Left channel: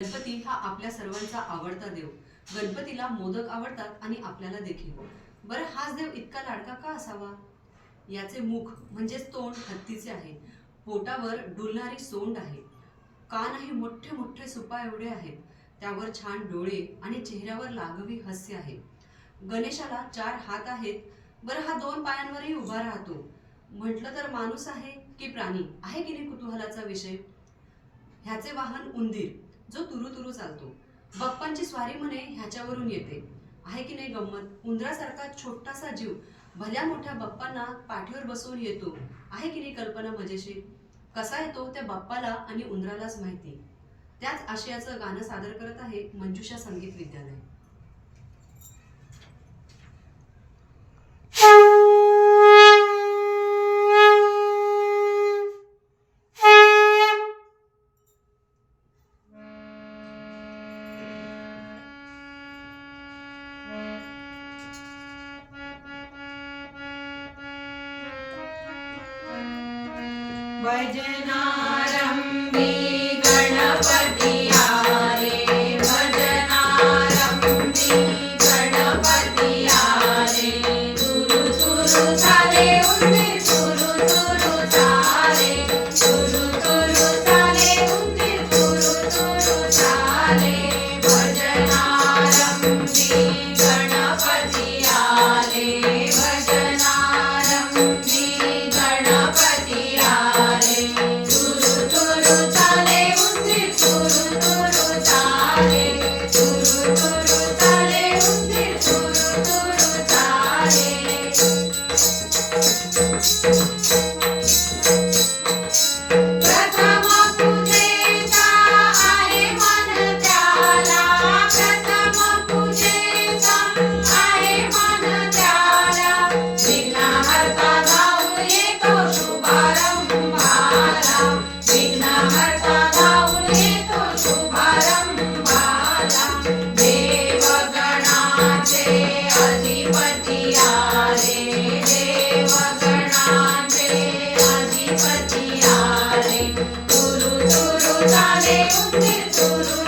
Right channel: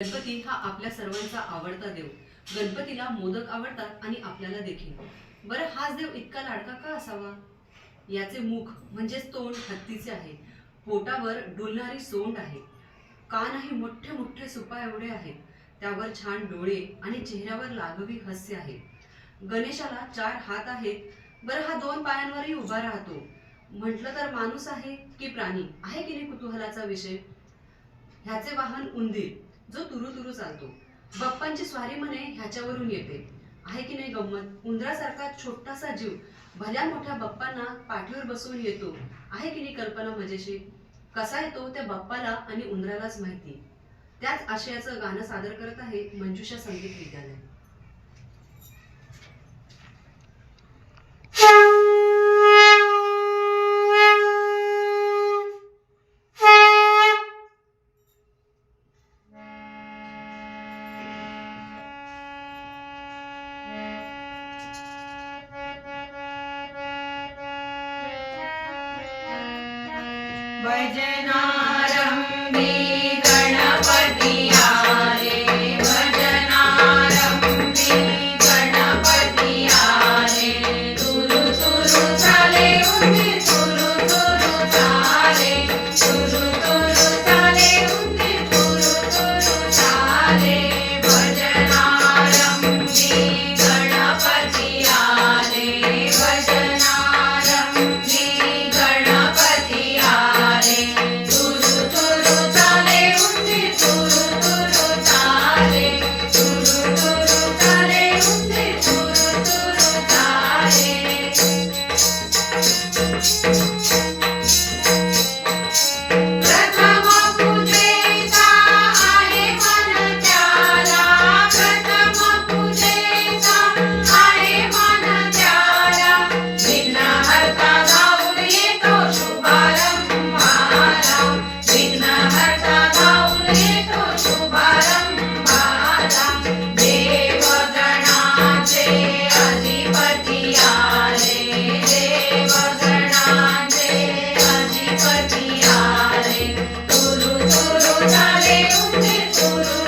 गणपती हा आपल्या सर्वांचा आवडता देव. गणपतीला मोदक आवडतात आणि आपल्याला देखील. बरं, हाच देव इतका लाडका का असावा? याचे मुख म्हणजेच तोंड हत्तीचे आहे. पोटावर डुलणारी सोंड आहे. कानही मोठे मोठे सुपा एवढे आहेत. त्यावर छान डोळे आणि चेहऱ्यावर लागवी हास्य आहे. गणेशाला 4 हात आहेत. बरं, हा 2 पायांवरही उभा राहतो. म्हटलं तर माणूस आहे की प्राणी आहे की नाही कुतूहलाचा विषय. ह्याचे वाहन उंदीर, जो तुरु तुरु चालतो. बाप्पांची स्वारी म्हणे ह्याच्यावरून येते. आहे की नाही गंमत. उंदरासारखा छोटासा जीव भल्या मोठ्या बाप्पांना पाठीवर बसवून येतो. आहे की नाही कल्पना मजेशीर. कसा येतो ते बाप्पाला आणि उंदरालाच माहिती. त्याच आशयाचं गाणं सादर करत आहे मंजुषा संगीत विद्यालय. भजनारंभी गणपती आले, भजनारंभी गणपती आले. तुरु तुरु चाले उंदीर, तुरु तुरु चाले, तुरु तुरु चाले उंदीर, तुरु तुरु चाले. भजनारंभी गणपती आले, भजनारंभी गणपती आले. तुरु तुरु चाले उंदीर, तुरु तुरु चाले, तुरु तुरु चाले उंदीर, तुरु तुरु चाले. प्रथम पूजेचा आहे मन त्याला, प्रथम पूजेचा आहे मन त्याला. विघ्नहर्ता धावून येतो शुभारंभाला, विघ्नहर्ता धावून येतो शुभारंभाला. देवगणाचे अधिपती आले, देवगणाचे अधिपती आले. तुरु तुरु चाले उंदीर, तुरु